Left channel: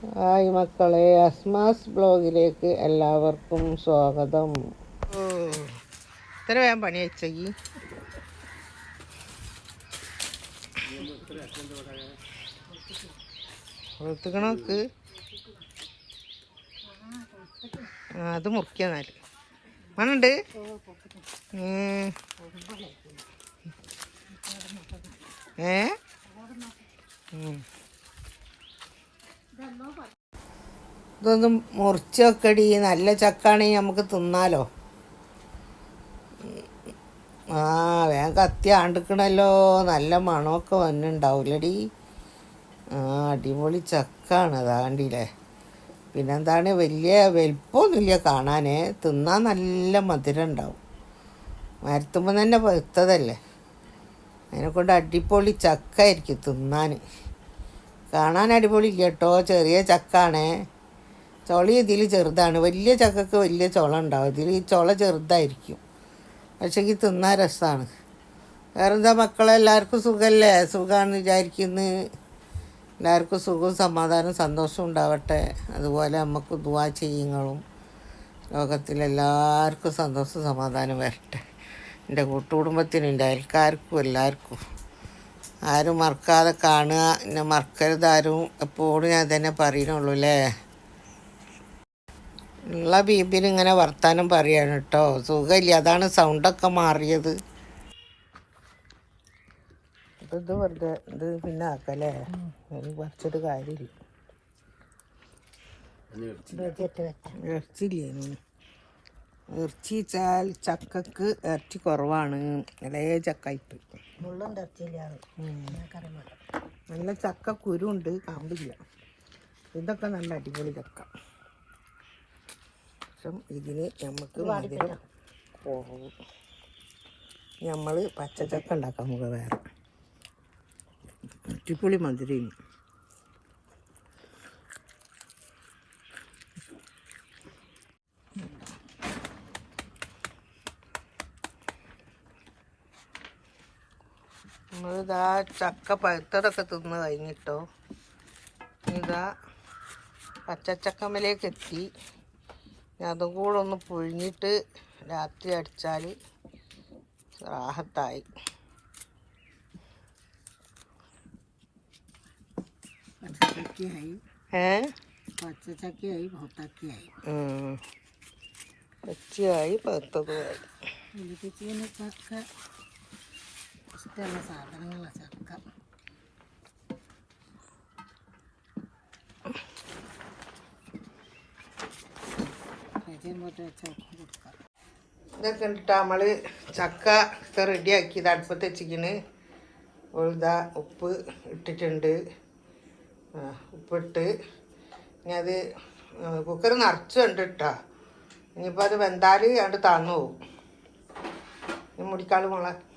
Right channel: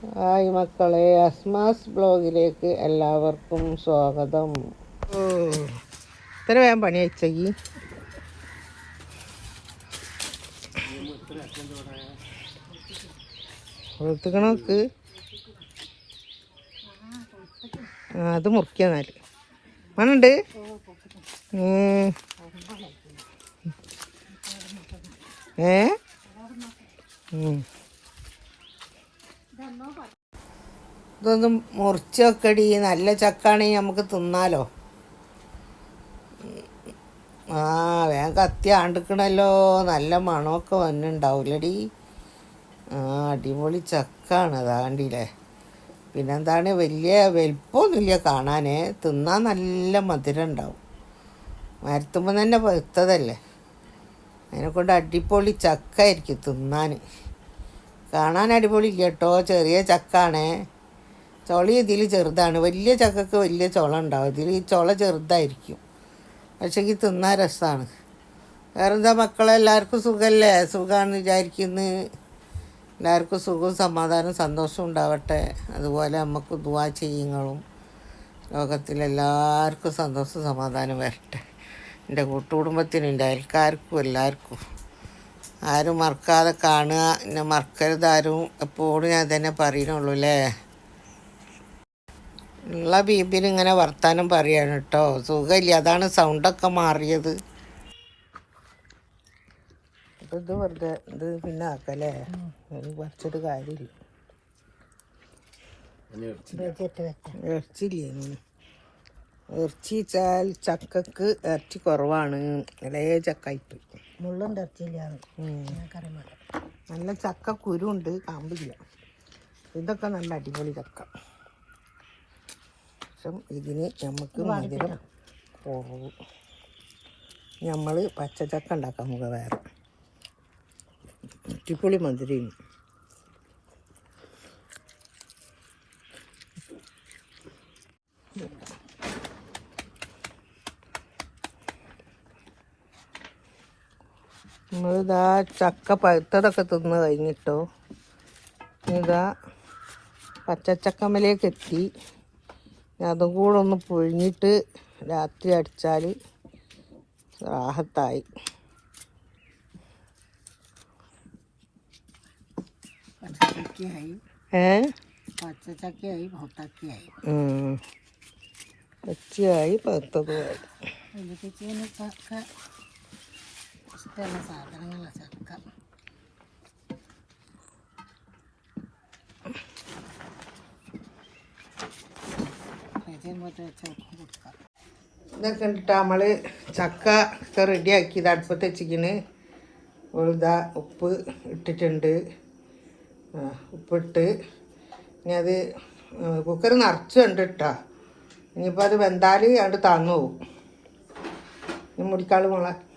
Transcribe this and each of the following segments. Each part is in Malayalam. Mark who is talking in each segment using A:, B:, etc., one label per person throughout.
A: ഹായ് മക്കളെ അസ്മാസ് ബ്ലോഗിലേക്ക് എല്ലാവർക്കും സ്വാഗതം. ഇത്ര വേഗം പണി വെച്ചി വെളുത്തുക്കണോക്ക് അത് മുറിക്കാന്നാൽ മണുണ്ട്. ഏ. ഇതൊന്നും മുറിച്ച് വെക്കടി നല്ല ചക്കാണെങ്കിൽ നമുക്ക് തിന്നാലോ. ആ വേഗം കത്തി ആണ്ടിക്കണല്ലോ. നല്ല മണമൊക്കെ വന്നിണ്ടാവൂലടി. ആ അടിപൊളി ചക്കാണ്. അതാണ്ടില്ലേ പിന്നെന്താണ്? വലിയ വലിപ്പമൊന്നുമില്ല കാണാനേ. തിന്നാൻ നല്ല മധുരം ഉണ്ടാവും മരത്തുമ്പോൾ തന്നെ പഴുത്തതല്ലേ? അതിനെക്കൊണ്ട് അടിപൊളി ചക്കായിരിക്കും തിന്നാൻ കാണാൻ അടിപൊളി കേട്ടോ ചെറിയ ചക്കാണേ. ചുള ഇതിൽ ചെറുതാണ്. വലിയ ചക്കക്ക് വലിയ ചുള ഉണ്ടാവും. ഇതിൽ ഈ ചുള ചെറുതായിരിക്കും. പക്ഷേ ഈ തിന്നാൻ രസമാണ് വേറെന്താ മക്കളെ? എല്ലാവർക്കും സുഖമല്ലേ സുഖമാണെന്ന് വിചാരിക്കുന്നു. എല്ലാവർക്കും സുഖവും സമാധാനവും സന്തോഷവും ഉണ്ടാവട്ടെ. അതുപോലെ നമുക്ക് ദുവാ ചെയ്യുങ്ങളും ലോകത്തിലെല്ലാവർക്കും സന്തോഷവും സമാധാനം വരട്ടെ. എന്റെ കൂട്ടുകുടുംബത്തിനും എന്റെ അയൽക്കാർക്കും എല്ലാവർക്കും. ആരും മറക്കാതെ കാണുക. എന്നെ മറക്കരുത് ആരും. എപ്പോഴും ഞാൻ തന്നെ പറയണുള്ളൂ അല്ലേ ഉള്ള ബീബിന് ഇങ്ങനെ വർത്താനം പറയാണ് കേട്ടോ സുഖമില്ല. അതാണ് സൗണ്ടൊക്കെ മാറിയത്. ഇത് വെറുതെ ഇത് പിന്നെ ആക്കല്ലേ? അതിന് കുറച്ചത് കാര്യമില്ല. ഇറച്ചില്ലേ? ഇറച്ചി വെച്ചാൽ ചക്കക്ക് ഇറച്ചി കുറവാണ്. ഇളയ ചക്കായിട്ട്
B: മുള്ളും തച്ചില്ലാണ്
A: നല്ല ചക്ക കുരുണ്ട് കാമ്പില്ല. ഇതൊക്കെ നല്ല അടിപൊളി ചക്ക. പക്ഷെ ഇതിന് നമുക്ക് മധുരം പോകും നമ്മൾ പച്ചച്ചക്ക ഉണ്ടാക്കാം നമുക്ക് വേറെ. അടിപൊളി മധുരം നമ്മളിതാ ചക്ക പഴുത്തതൊക്കെ തിന്ന് കഴിഞ്ഞിട്ടോ. ഇതാ പച്ചച്ചക്കമ്മലേക്ക് എത്തി. അതും കൂടെ ഒന്ന് പുഴിഞ്ഞിട്ട് രാത്രി അടിച്ചാൽ റാഹത്തായി.
B: പച്ചച്ചക്കയായി.
A: ഏ?
B: പച്ചച്ചക്കയായി പൊട്ടക്കയായി.
A: പച്ചയായി പഴുത്തതുമായി.
B: ചക്ക ഇഷ്ടമുള്ള സാധനങ്ങളാണ് ചക്ക.
A: ഇതൊക്കെ ഇട്ടിട്ട് നമ്മൾ ചക്ക ഒക്കെ റെഡിയാക്കി ഇത് അടുപ്പത്ത് വെച്ചിരിക്കണ്. ഉഴുത ഉപ്പ് ഇട്ടിട്ടുണ്ട്. ഉപ്പിട്ട് ഇനി അത് കുക്കർ നിറച്ചുണ്ട് ഇട്ടാ ഇനിയിപ്പോൾ അത് വെന്താൽ അത് തന്നു പോകും മുടിക്കാൾ മോളെ.
B: ഇപ്പോൾ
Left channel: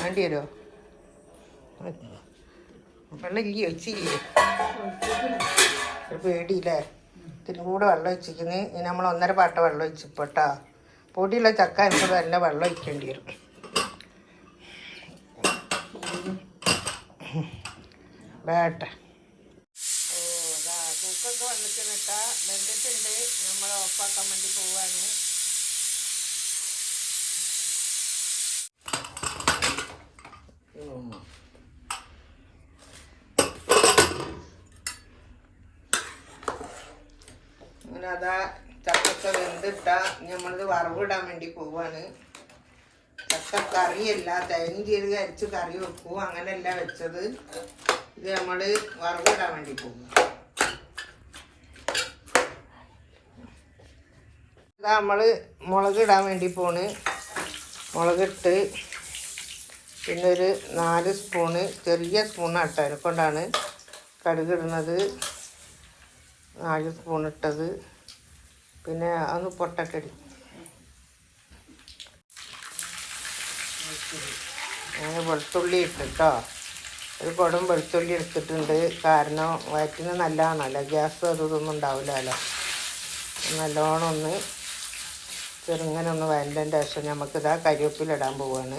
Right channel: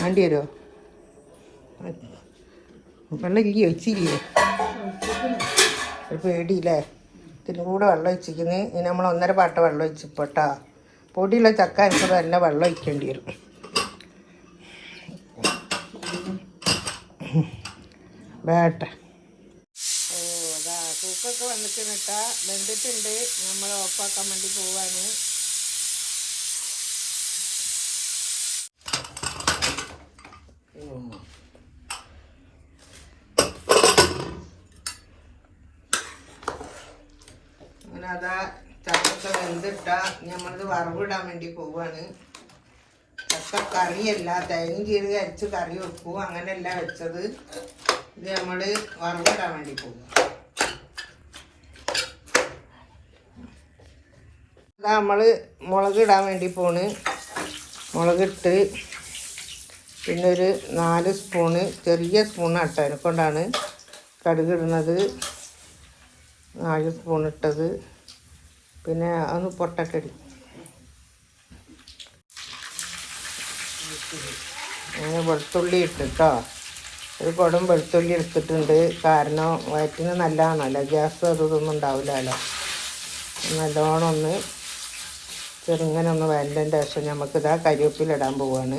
A: വണ്ടി വരുമോ വെള്ളം ഇല്ലയോ വെച്ചില്ലേ ഒരു പേടിയില്ലേ? ഇതിന് കൂടെ വെള്ളം ഒഴിച്ചിരിക്കുന്നത് ഇനി നമ്മൾ ഒന്നര പാട്ട വെള്ളം ഒഴിച്ചിപ്പോട്ടാ പൊടിയുള്ള ചക്ക അനുസരിച്ച് നല്ല വെള്ളം ഒഴിക്കേണ്ടി വരും. വേട്ട ഓ അതാ. തൂക്കൊക്കെ വന്നിട്ട് നിട്ടാ വെന്തിട്ടുണ്ട് നമ്മൾ ഓപ്പാക്കാൻ വേണ്ടി പോവാണ്. അങ്ങനെ അതാ ചക്കൊക്കെ വെന്തിട്ട നമ്മളിത് വറവിടാൻ വേണ്ടി പോവാണ്. ചക്ക കറിയല്ല തേങ്ങ കീഴ് അരച്ച് കറി വെക്കും അങ്ങനെയല്ല വെച്ചത്. ഇത് നമ്മൾ വറവിടാൻ വേണ്ടി പോകും ഇതാ നമ്മൾ മുളക് ഇടാൻ വേണ്ടി പോണ്. മുളകിട്ട് പിന്നെ ഒരു നാല് സ്പൂണ് ചെറിയ സ്പൂൺ ഇട്ട. അതിനെ കൊണ്ടാണ് കടുക് ഇടുന്നത് നാല് സ്പൂൺ ഇട്ടത്. പിന്നെ ഒന്ന് പൊട്ടക്കടി. അങ്ങനെ വെളുത്തുള്ളി ഇട്ടിട്ടോ. ഒരു കുടം വെളുത്തുള്ളി എടുത്തിട്ടുണ്ട്. കാരണം വയറ്റിന് നല്ലതാണല്ലോ. ഗ്യാസ് അതൊന്നും ഉണ്ടാവില്ലല്ലോ. നല്ലോണം ഒന്ന് ചെറുങ്ങനെ ഒന്ന് വേണ്ടതിന്റെ ശേഷം നമുക്കിതാ കരിവേപ്പിലിടാൻ പോവാണ്.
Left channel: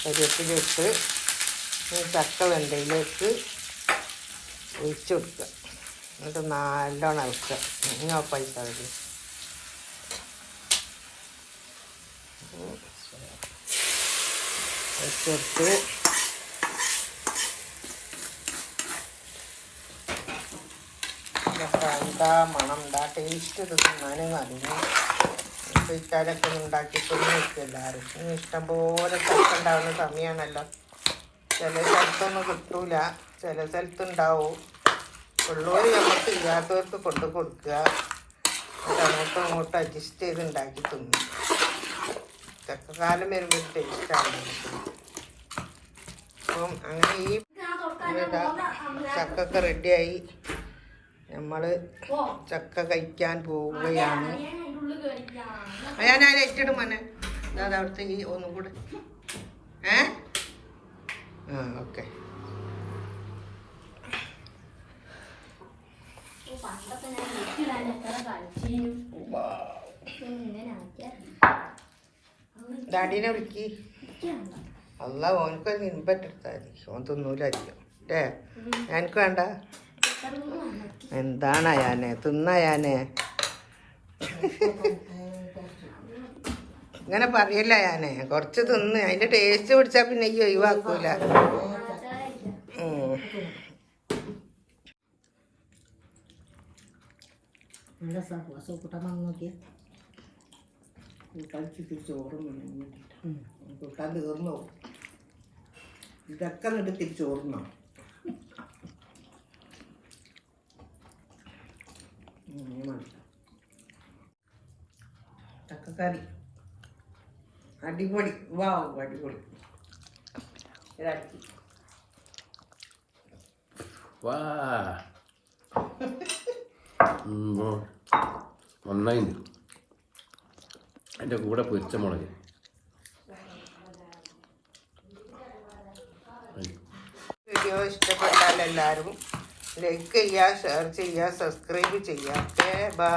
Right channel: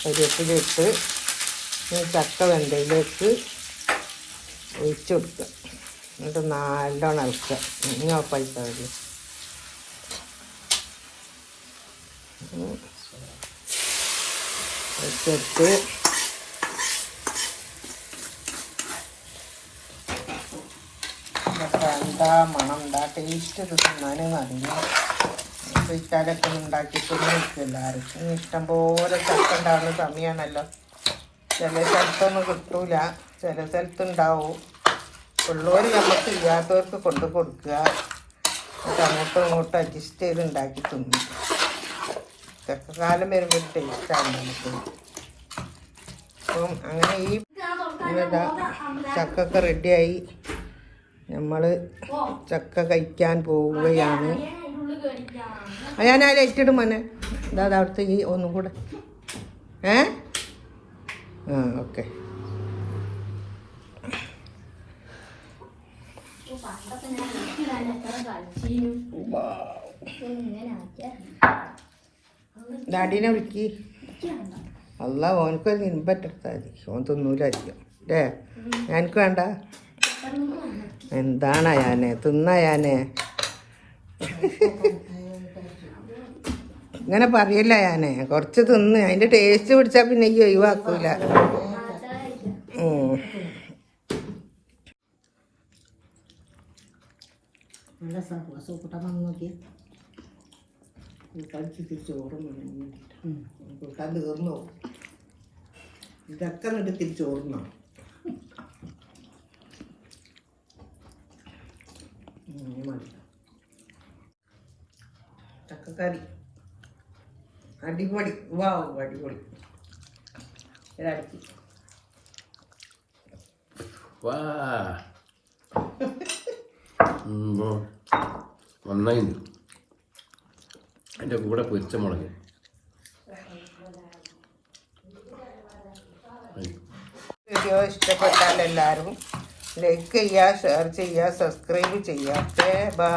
A: കരിവേപ്പിലിട്ട് ഈ ചക്ക വെന്തയിലേക്ക് ഒഴിച്ചു കൊടുക്കുക. എന്നിട്ട് നല്ലോണം ഇളക്കുക. ഇനി ഉറപ്പായിട്ട് മതി. ഇതൊക്കെ എന്താ മണം? എന്താ ടേസ്റ്റ് തിന്നാനെന്ന് അറിയില്ല. ഫ്രിഡ്ജാലൊക്കെ ഉണ്ടാക്കിയിട്ടൊന്നും വെക്കില്ല എല്ലാവർക്കും ഇഷ്ടംപോലെ ചക്ക ഉണ്ടാവുന്ന സമയമാണല്ലോ ചില സ്ഥലത്തൊന്നും കിട്ടൂല. ചില സ്ഥലത്തുണ്ടാവും ഉള്ളവർ നമുക്ക് ഇല്ലാത്തവർക്ക് കൊണ്ടു കൊടുക്കുക. അങ്ങോട്ടും ഇങ്ങോട്ടും അഡ്ജസ്റ്റ് ചെയ്ത് ഉണ്ടാക്കി തിന്നും. ചക്കക്കാലം വരുമ്പോൾ ടേസ്റ്റാണ് നമുക്ക്. അപ്പം അങ്ങനെ ഈ ചക്കൊക്കെ റെഡിയായി നമ്മൾ ചക്ക കഴിക്കാൻ പോവുകയാണ്. ഞാൻ ആ ലൈറ്റ് ഇടും മോനെ? ദാ അവിടുത്തെ ഈ ഒന്നും കൂടെ. ഏ? ആ ഓക്കെ. ഡാഡീനെ വിളിക്കി. അല്ല ഓനക്ക് നിൻപറ്റെടുത്താൽ മതി ഓൻ തിന്നൂലായിരിക്കും. അല്ലേ എനിക്ക് വേണ്ട. എന്താണ് അയാനെ? തിന്നയാനെ ഇങ്ങനെ പറയല്ല ഞാനേ. കുറച്ച് തിന്ന്. അതിന്റെ ടേസ്റ്റ് പിടിച്ചാ പിന്നെ ഈ ഒഴിവാക്കൂല. ഇതൊക്കെ എന്നിട്ട് ചക്കക്കറി അടിപൊളി. വാവ് അടിപൊളി.
C: വാ. നന്നായിണ്ട്. അതിന്റെ കൂടെ പൊരിച്ച മുളക്.
A: വീഡിയോ ഇഷ്ടപ്പെട്ടാൽ എല്ലാവരും ലൈക്ക് ചെയ്യുക ഷെയർ ചെയ്യുക സബ്സ്ക്രൈബ് ചെയ്യുക. Okay bye.